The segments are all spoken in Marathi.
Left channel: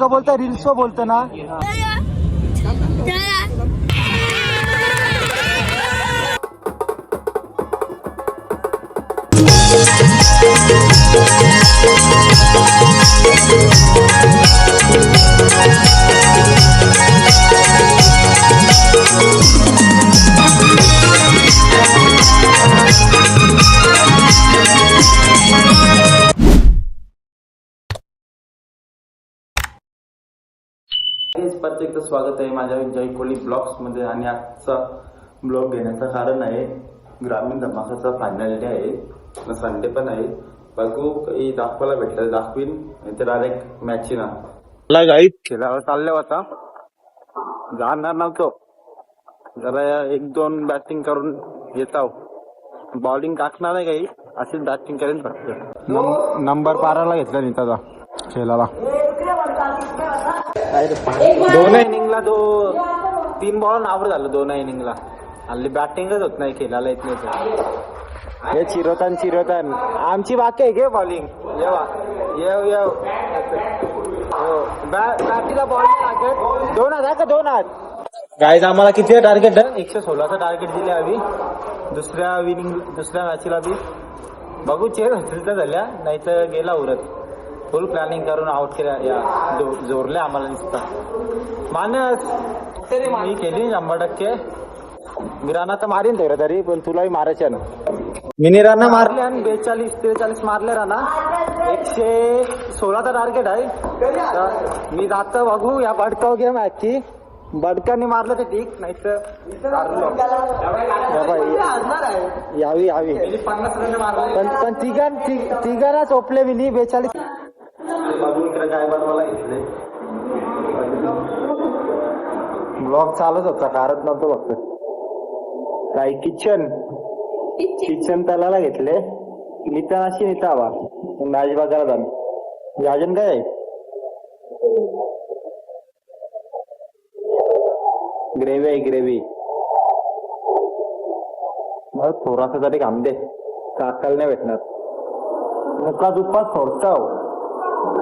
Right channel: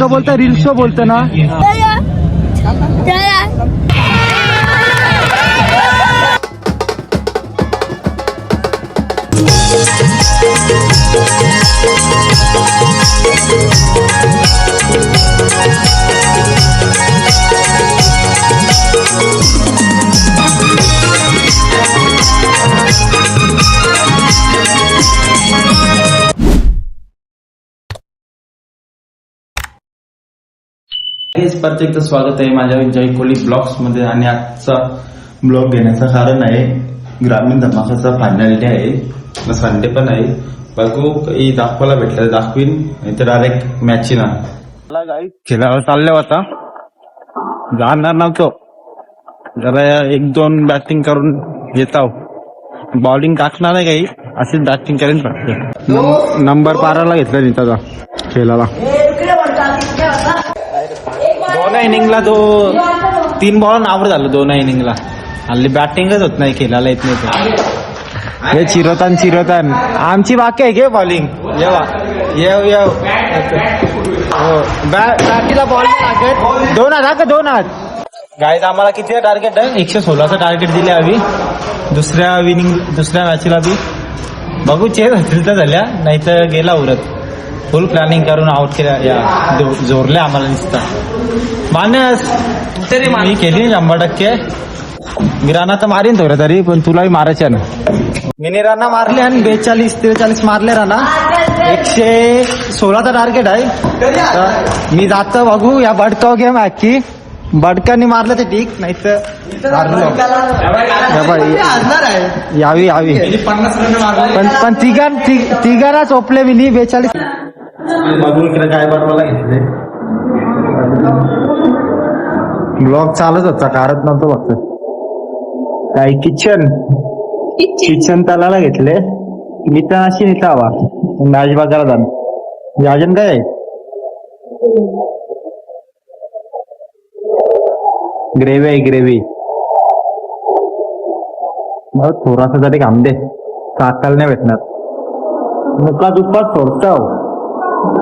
का बोलता रील शो बोलते ना. प्रत्येकचं स्वागत आहे माझ्या जय कोहली ब्लॉग्स मध्ये. आणि आजचा ब्लॉग घेण्याचं कारण आहे ग्रामीण धमाकाचा फायनल डे आहे, संडे पण आहे. बघू काही दाखवायला भेटलं दाखवीन, नाहीतर डायरेक्ट मॅच ना खेळायला चालले होता. जाणार नव्हतो, जरा 1-2 बॅटिंग करून येतो. बॉलिंग टाकणार आहे काही, अशीच बॅटिंग करेन फक्त. नंबर 12ला घेतला नीताचा खेळाला. दोन इनिंगला 3 बॉल आवर झालं. 2 इनिंगला हल्ली बॅटिंगच होत नाही, खेळायला येत नाही. हे चिरवतान आमची बाकी आहे घे बॉलिंग. येव बॅटीला बॉल लागत. 2 हात गाईज. आम्हाला किती टार्गेट आहे? 116चं टार्गेट दिले आम्ही दुसऱ्या मॅचला बी. बघू चेस होतील तर झाल्या, नाही तर गेला उरत. फुल प्लॅनिंग करून आउट केल्या, जोरले आम्हाला दिसता. मानस मी केली 100%. मी राणा तर मारीन थोडं तरी, पण तुलाही मारायच्या ना. मी राणा मारले आणि 42-43 मारले राणा. 116चा टार्गेट आहे. मी जातो बघू या बडकाव गेम की बडकांनी मारलं ते ठीक, नाही तर यावी पण तिघांना चोपले मी 42. काय बनवायला घेतले. ब्लॉग चालत होता, कारत नव्हतं फक्त. काय किचन तलाला घेतले. मी तर अशी नेता हवा मॅच बघायला जाण. अजून काय आहे? ग्रेव्ही मग थोडासा तरी काम दे, काकाला नाही भेटणार. मुका दुप्पा सोडता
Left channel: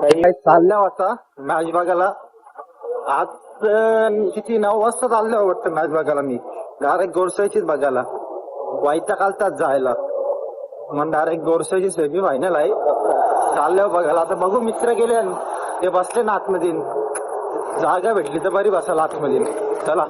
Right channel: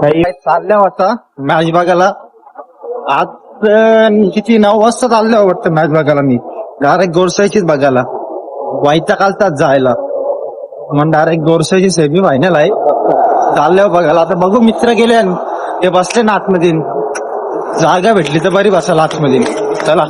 काही चालल्या होता मॅच बघायला. आज किती 9 वाजता चालल्या वाटतं मॅच बघायला. मी डायरेक्ट गोरसाईचीच बघायला. वाईटच्या कालतात जायला, मग डायरेक्ट गोरसाईची सेमी फायनल आहे. चालल्यावर बघायला. आता बघू मित्र गेले, ते बसले ना आतमध्ये. जागा भेटली तर बरी बसायला आतमध्ये. चला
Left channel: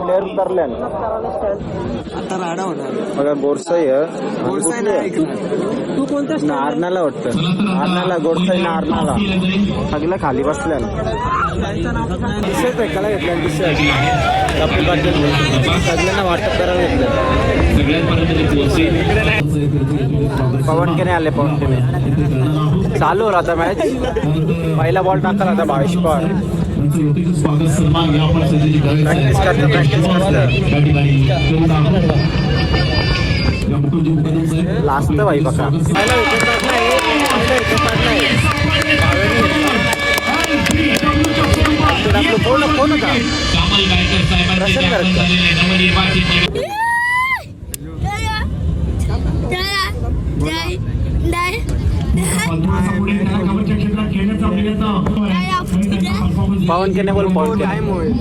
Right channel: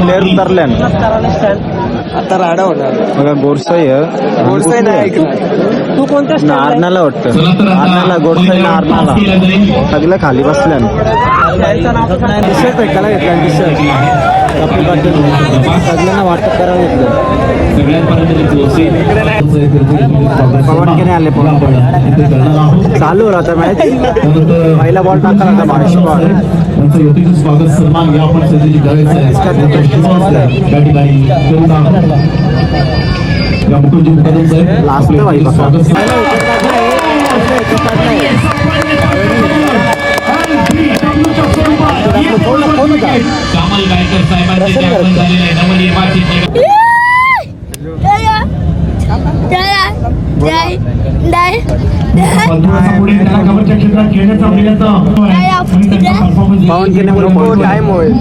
प्लेअर उतरल्या. आता राडा होणार बघा. गोरसाई नाही ऐकणार. तू कोणत्या नारनाला वाटतं? नारनाला गोरसाई नारनाला सगळं खाली बसल्या. ऐकायला घेतल्या सगळ्यांना वाटत करायला घेतलं. पवन केने आले. चालू राहता मॅच. पहिला बॉल टाकला स्वागत सन्मान या आपण सध्याची करायचं कामल गायकर टाइम होईल.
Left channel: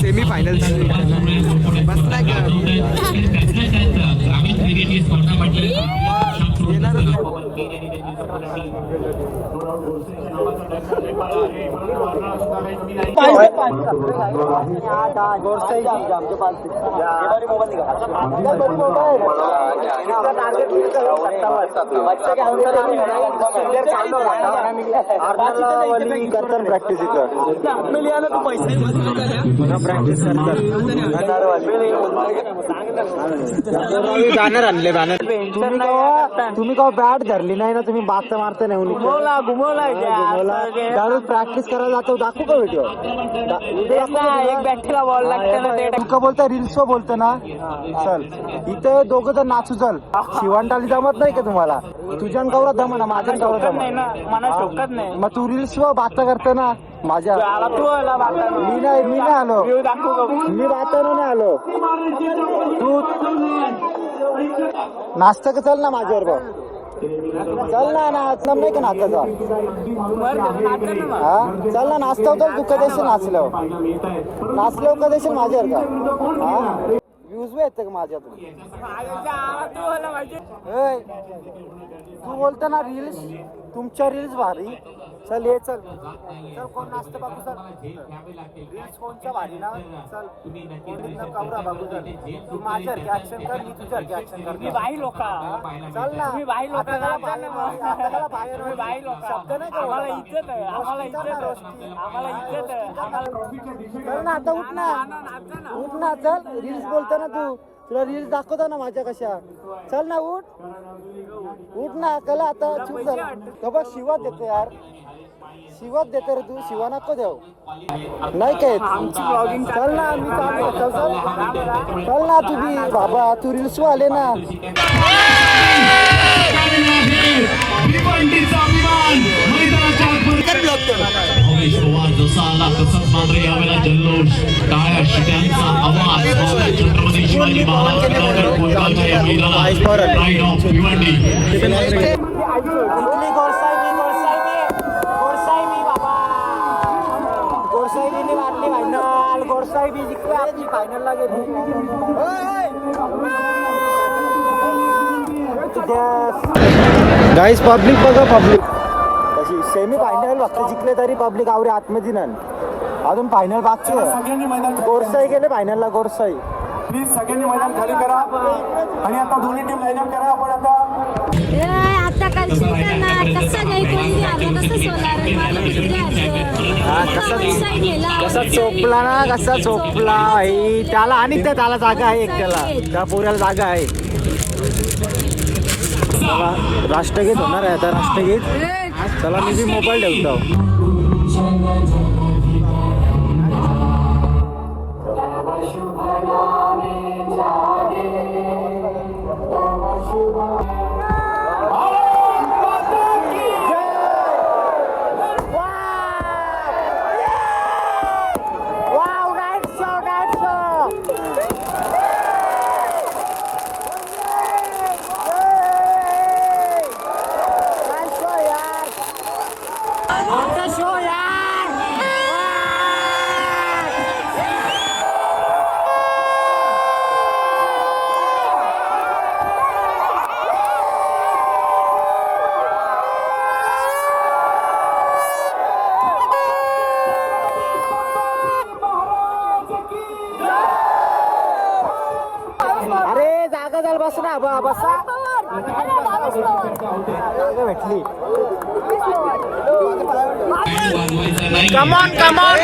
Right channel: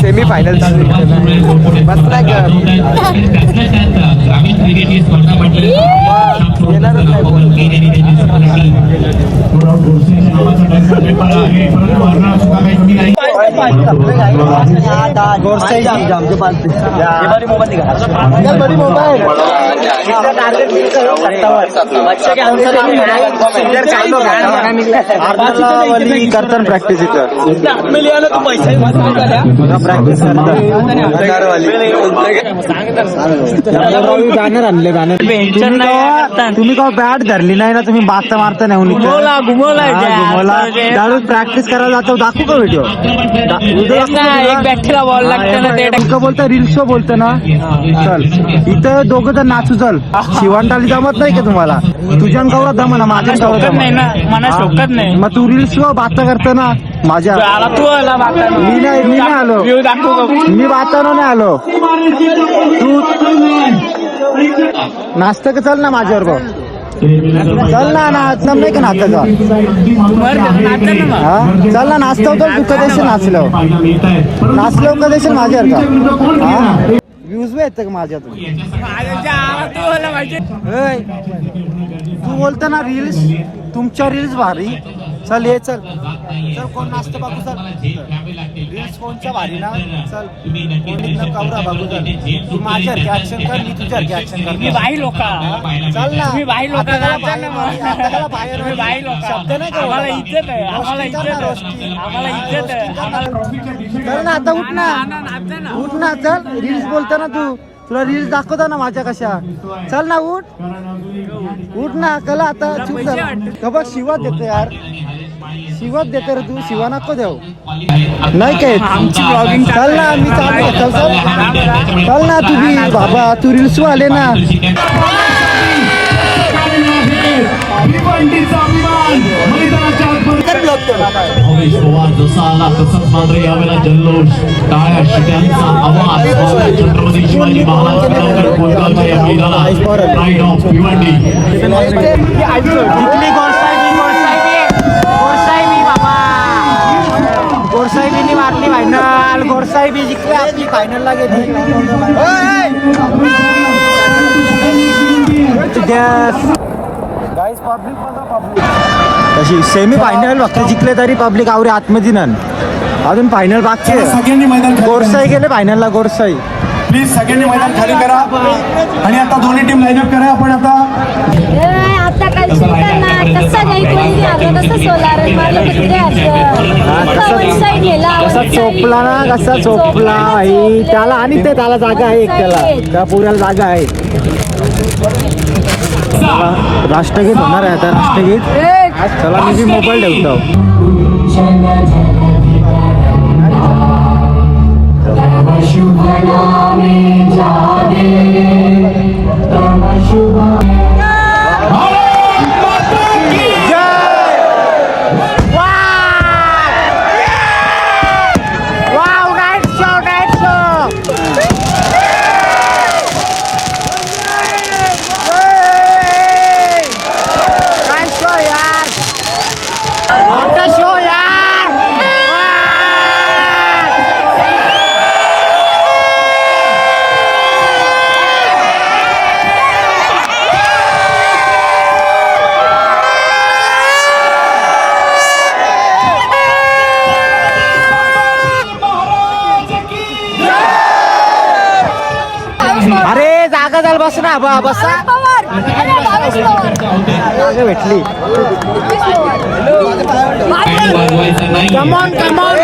सेमी फायनल चालू ग्रामीण क्रिकेट ही स्पर्धा म्हटली. करताना प्रॅक्टिस बॅनर आणले. तुम्ही का बॅट धरली नाही ना? तुम्ही बात मारता नाही. घुमवला दारू प्रॅक्टिस करायला जातो. दाखवू का व्हिडिओ? का बोलता रील शो बोलतो ना. चल इथं दोघं तर नाचू. चल शिवणटाली जमत नाही का तुम्हाला? तुझ्या गावात दम ना, माझ्या गावात दम. मग तू रील्स बाता करता ना. माझ्या मी नाही आलो, मी वातावरण नाही आलो. तू नाचतं का? चल ना माझ्यावर भाऊ, चल ना नाचणार नाही का नाचायचा? हा चल ना नाचतो तर तू कधी नाचलो कधी माझ्यावर का? हा व्ह्यूज येतं का माझ्यातून? तू बोलतो ना रील्स, तुमच्या रील्स भारी. चल ये चल चल, कोण नाचतं बघू चल. रील्स कोणच्या भारी ना? चल कवरा बघू चल. तू माझ्यासारखी ऍक्शन कर, मी तुझ्यासारखी ऍक्शन कर. मी बाई लोक चल ना, मी बाई लोक बाहेर शब्द नाही का? आम्हाला इज्जत आहे, आम्हाला इज्जत आहे, आम्हाला इज्जत आहे. चल ना आता, उठ ना चल. रील्स बोलतो ना तू, तुला रील्स दाखवतो ना माझ्या कशा. चल ना उठ ना. कला आता चूप झाला का बघ. शिवात देतो यार, शिवात देतो रे तू. शिवा नको देऊ नाही काय. चल ना, मी चालू आहे. चल ना तुम्ही बाबा, तू रील्स आले ना. भावेश पवार जसा आला तसंच मात्र यावेळेला जल्लोष, टाळ्या शिट्यांचा आवाज. छत्रपती शिवाजी महाराज कोलगावच्या या मैदानात प्राईड ऑफ भिवंडी. जिंकली गोरसाहेबींनी मारली फायनल. गोरसाहेबी जिंकली, आपली फायनलला गेली. गाईस पब्लिक बघा, पब्लिक कशी सेमी फायनल फक्त जिंकले तरी पब्लिक आवरे आतमध्ये ना. अजून फायनल बाकी आहे. गोरसाई गेले फायनलला. गोरसाई प्लीज सगळ्यांनी मैदान खाली करा आणि आता दोन्ही टीम लाईन अप करा. आपण आता आता काय कसा नाही कोणी आलं कसं सोलार मारलं तिकडे चोपला ना, कसा चोपला भाई त्याला. आणि ते त्याला जागा आहे, एक त्या पुऱ्याला जागा आहे. राष्ट्रगीत होणार आहे आता, राष्ट्रगीत. चला मी मोबाईल ठेवतो. अरे जागा झाल, बस ना बसा. जागा भेटली. कमॉन कमॉन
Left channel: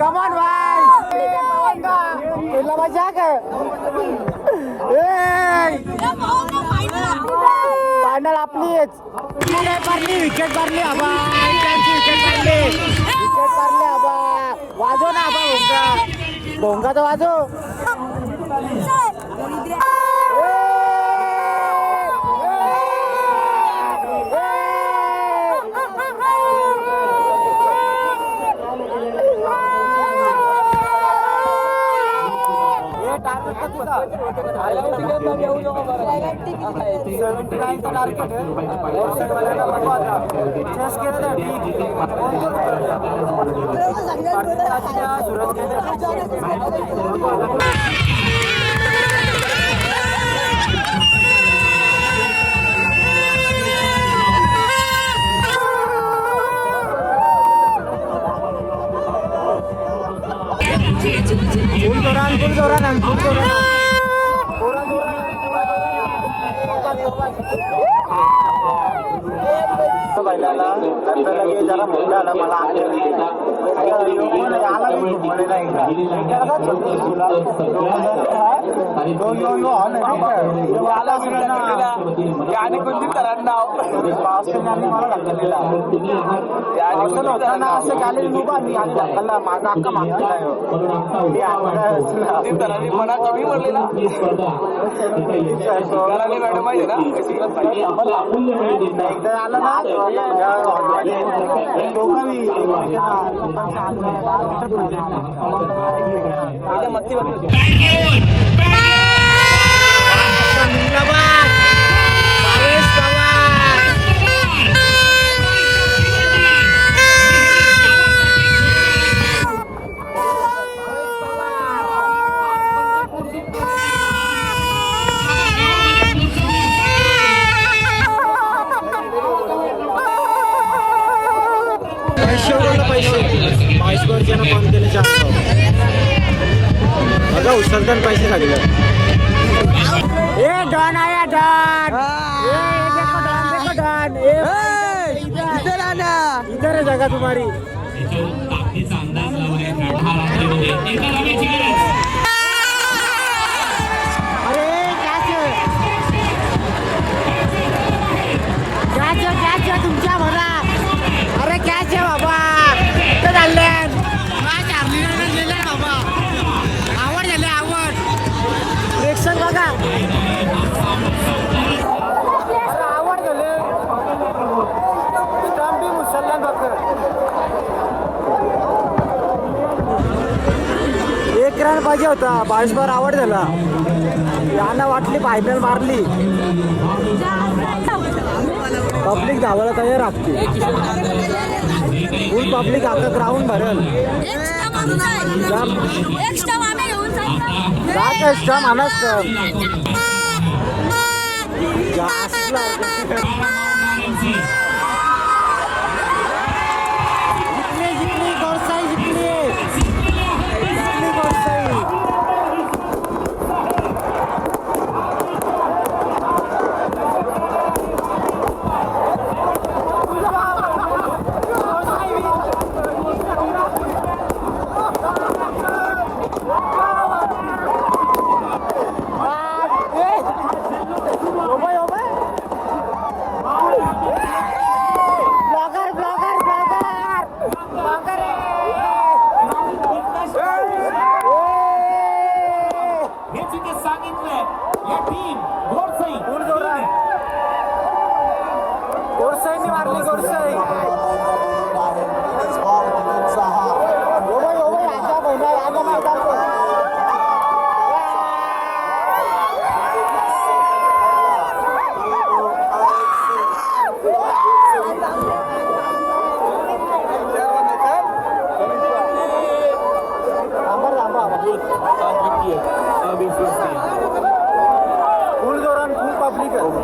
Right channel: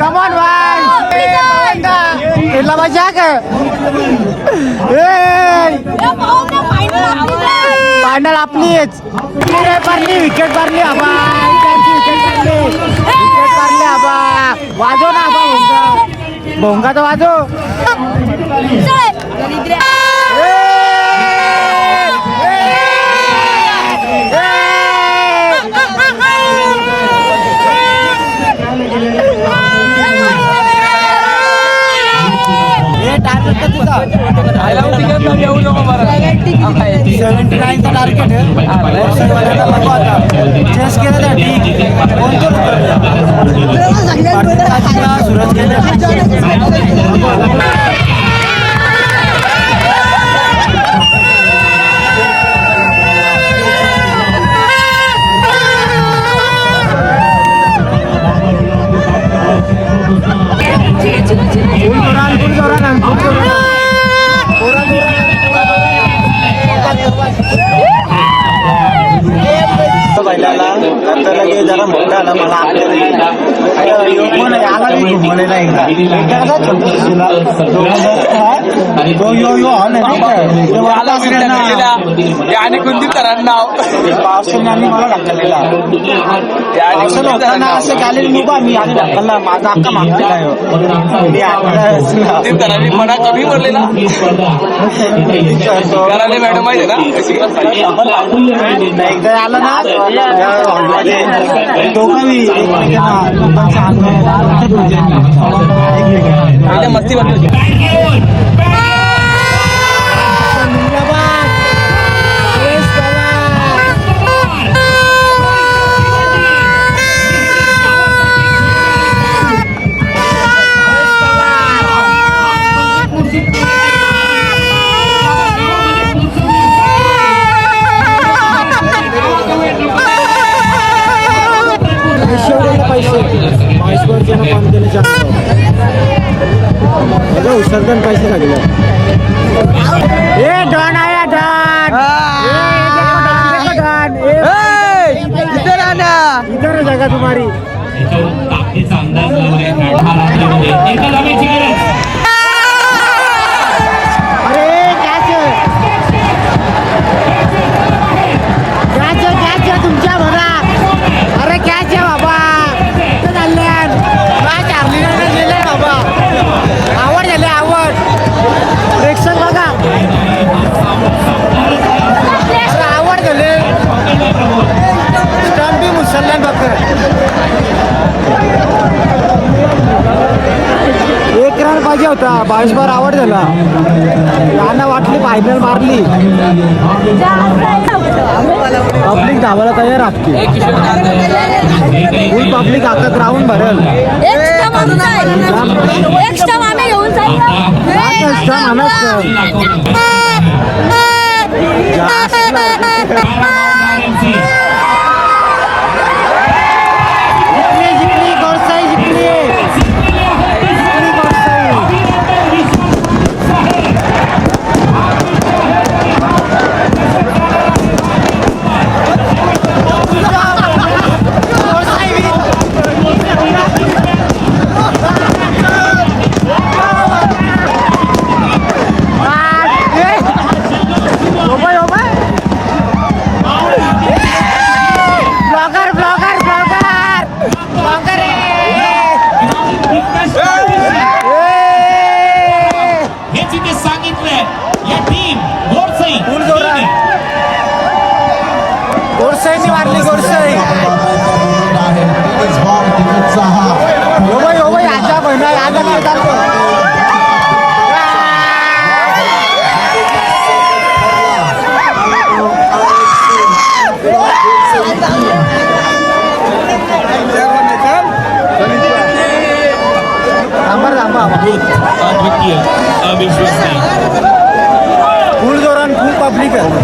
कमॉन भाई, केला मजा का? फायनल आपलीच. विकेट मारली आबा, वाजो ना आबा. भोंगा तर वाजो. टार्गेट आहे. चेस केलं तर ठीक. सूरज गेले. जरा मोठा आला मला घुमवलेला एकदा आणि कुलदीप सरांचं नाव पावसाने मला ढकललेला होताना असं गॅलरी उभा मी आणि ढकलला माझा हक्का मागलेला आहे मी कुलदीप सरांनी मना कमी बोललेला कराले मॅडम माहिती आहे ना एकदा आलं ना दोघांनी एकमेकांना मस्ती वाटली उसरदन पैसे लागले जगा तुम्हारी ताकदीचा अंदाज लावलाय रात्रीमध्ये एका धावेची गरज तुमच्या भरा अरे कॅच आहे बाबा बाबा आवड झाली आवड प्रेक्षक बघा आवड झाले स्टंप बी मुसलमान बघ एक रन पाहिजे होता 22 बार आवड झाला गाणं वाटली फायनल मारली पब्लिक धावायला तयार असते फुल पब्लिक आता ग्राउंड भरेल एक्स्ट्रा आम्ही घेऊन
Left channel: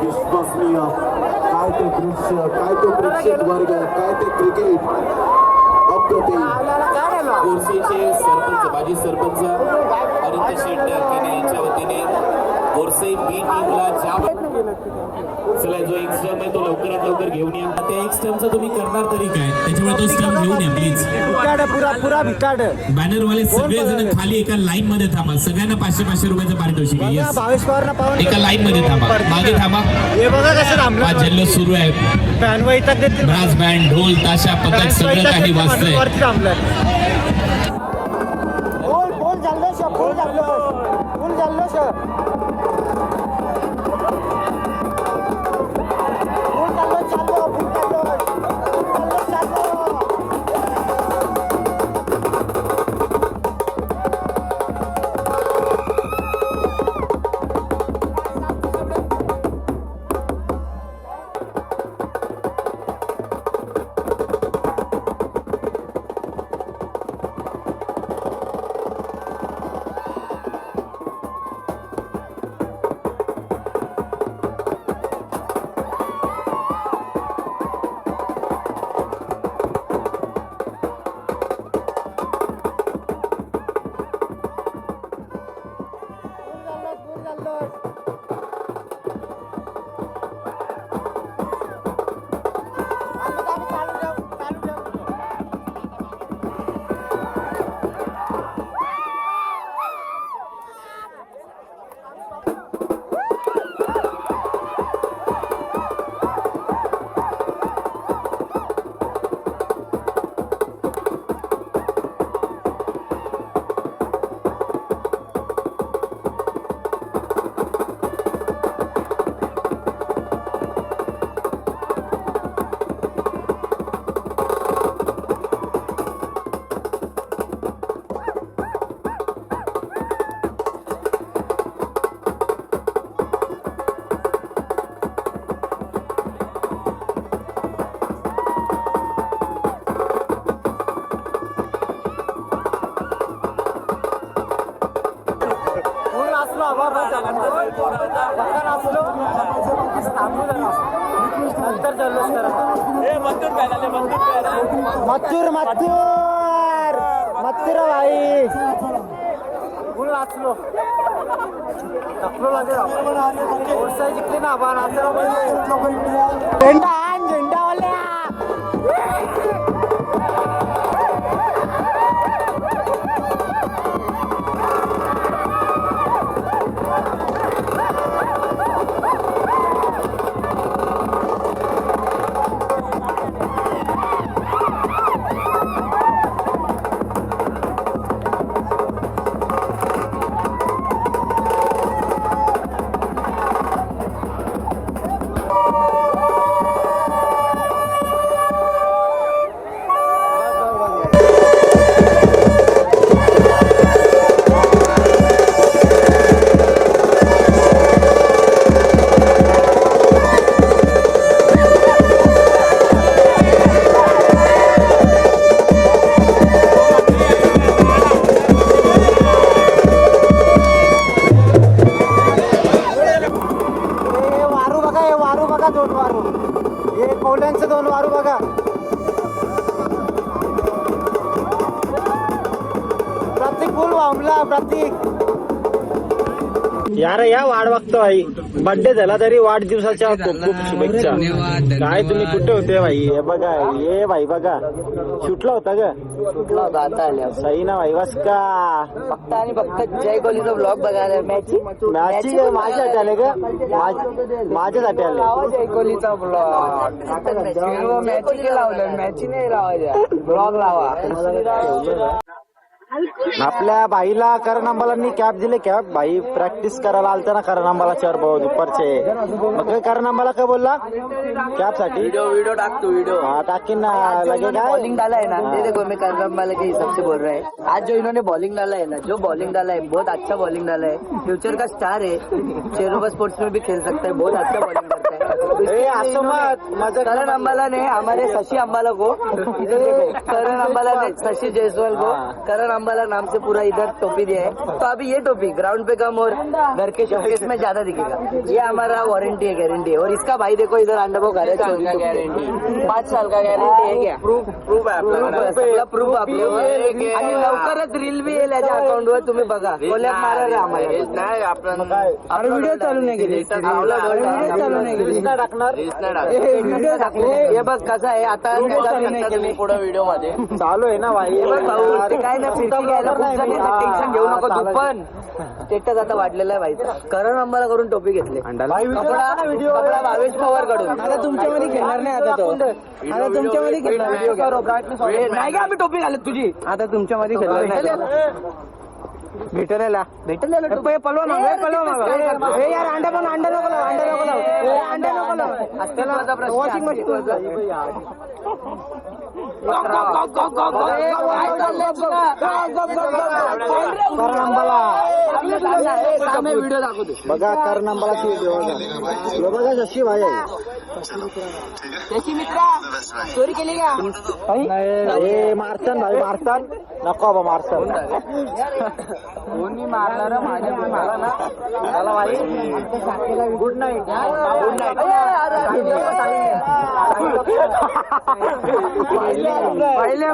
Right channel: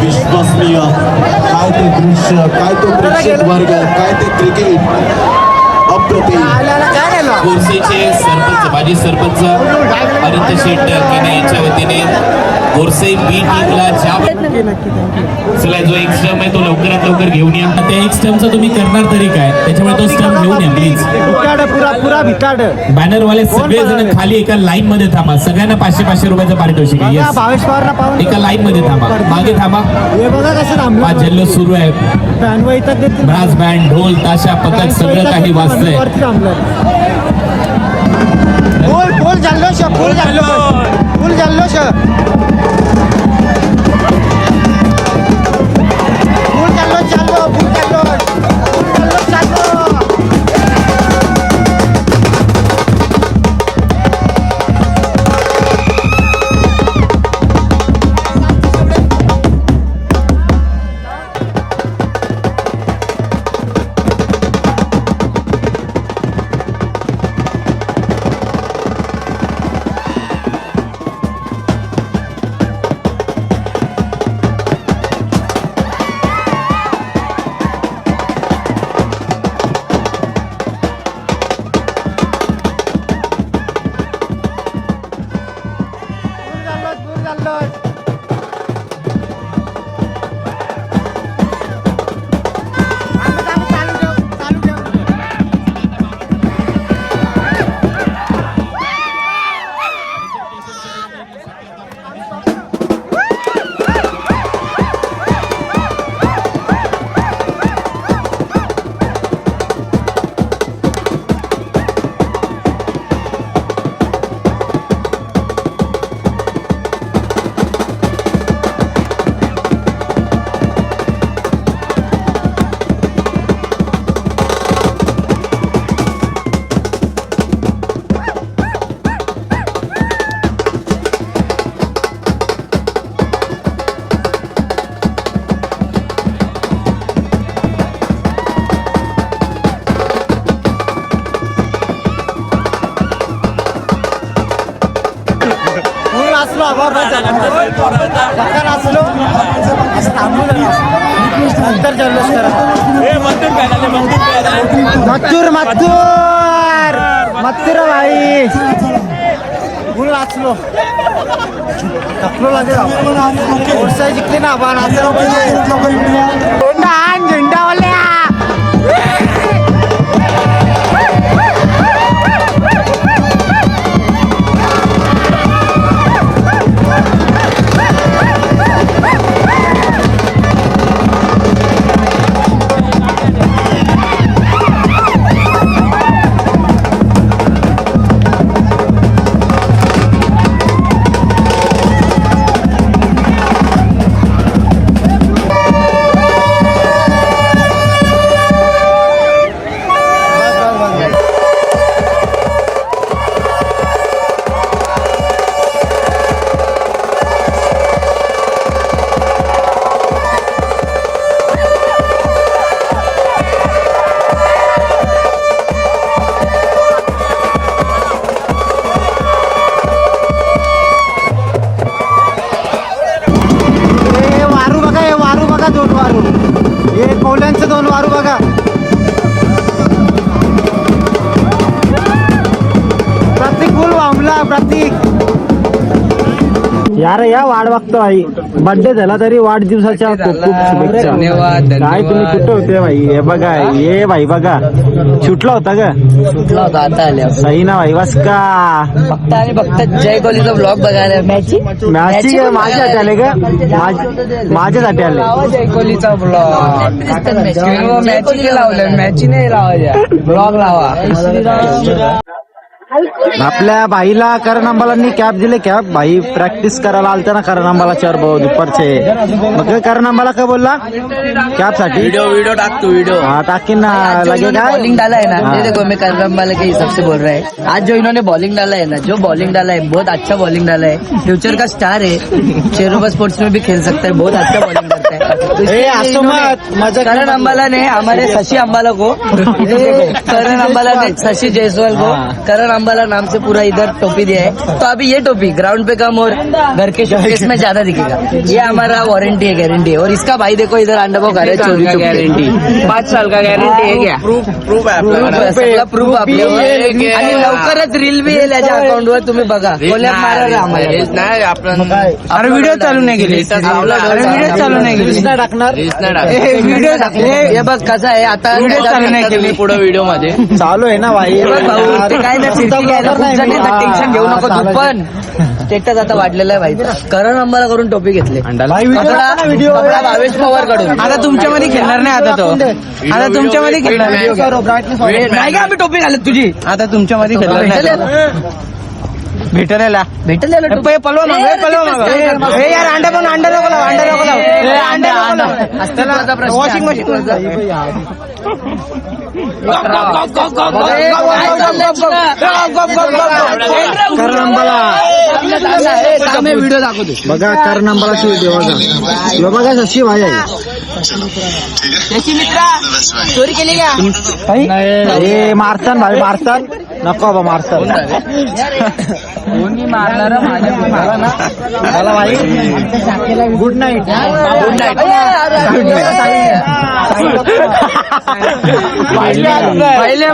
विश्वसनीय काय ते दृश्य काय तो प्रेक्षक वर्ग काय ते क्रिकेट अप्रतिम गोरसेचे सरपंच माजी सरपंच अनंत शेट केने यांच्या वतीने गोरसे बी टीमला चला जो एक स्टंप आहे तो लवकरात लवकर घेऊन या त्या एक स्टंपचा तुम्ही करणार तरी काय त्याच्यामुळे तो स्टंप घेऊन या प्लीज बॅनरवाले सगळे जण खाली एका लाईन मध्ये थांबा सगळ्यांना 500-500 रुपयाचं पारितोषिक आहे येस एका लाईन मध्ये थांबा मागे थांबा हा जल्लोष सुरू आहे ब्रास बँड ढोल ताशा पथक सगळं काही वाजतंय फुल जल्लोष फुल जल्लोष बस धक्का नाचलो असं थांबू नका. नंतर जल्लोष करा. मत्तूर मत्तूर मत्तूर भाई फुल नाचलो थकलो लागेल. ओरसाई जिंकली ना बा नाचलो. झेंडा आण झेंडावाल्या. दोन वारू हे कौल्यांचं 2 वारू बघा. प्रतीक फुल वामला प्रतीक. यार या वाढ बघतो भाई. बर्थडे झाला तरी वाढदिवसाच्या खूप खूप शुभेच्छा. धन्यवाद. काय तुम्ही कुठे होते भाई. हे बघा ये भाई बघा सुटला होता का. सुटला होता आता आल्या सही ना भाई बस का. फक्त आणि फक्त जय कोहलीचा ब्लॉग बघायला मॅची मॅची माझ्यासाठी आले का. माझ्यासाठी आले. जय कोहलीचा ब्लॉग मॅची नाही लावलं. मॅची नाही लावायच्या ब्लॉग लावा. आपल्या भाईला करण अंबालांनी कॅप दिले. कॅप भाई प्रॅक्टिस करायला आलते ना करण अंबाला 4 भाऊ दुपारचे. मग करण अंबाला काय बोलला कॅप साठी. वीडियो टाकतो वीडियो. हाँ टाकिन ना लगे क्या बॉलिंग डाला है ना. हाँ. ये देखो मैं करम वाले के हिसाब से बोल रहा है. आज जो इन्होंने बॉलिंग डाला है ना जो बॉलिंग डाला है बहुत अच्छा बॉलिंग डाला है. फ्यूचर का स्टार है. शेरोबा स्पोर्ट्स में भी खेल सकता है. बहुत अच्छा बॉलिंग करता है. तो इसके लिए इन्होंने करण अंबाला ने हमारे शशि अंबाला को करण अंबाला ने शशि जायसवाल को करण अंबाला नाम से पूरा इधर टोपी दिया है. तो अभी ये टोपी ग्राउंड पे कम और घर के शोकेस में ज्यादा दिखेगा. ये हमारा वारंटी है गारंटी है. और इसका भाई देखो इधर अंडा पाव खा रहा है चोरी गारंटी 5 साल का गॅरंटी आहे क्या. प्रूफ आपल्यावर. आणि लवकरच रील बी येईल याच्या अकाउंटवर तुम्ही बघा. नाही आपण अरे व्हिडिओ चालू नाही केली. व्हिडिओ चालू नाही केली. टाकणार व्हिडिओ हे बघ कसं आहे आता व्हिडिओ चालू नाही केली. पुढे व्हिडिओ मध्ये चालू आहे ना भाई. काय नाही टेन्शन घेऊ नको तू पण. स्टेटस आता वाढलेला आहे भाई. करण अंबाला करून टोपी घेतले. भावेश पवार कडून. आता तुमच्यामध्ये खेळणार नाही. आता तो आता तुमच्यामध्ये खेळणार नाही का. आम्ही टोपी घालत तुझी. आता तुमच्यामध्ये खेळणार नाही. भेटलेला पलवा माग यार. अंडा पण अंडा नको लाव. अंडा नको लाव. वॉशिंग मशीन करण अंबाला व्हिडिओ दाखवतो बघा. करण अंबालाची व्हिडिओ बघा. बघा शशी भाई आहे. चोरी केली का. हे मारतान भाई मारतान नको बाबा मारतान. मारणार मला भाई. Good night. Good night. पहिले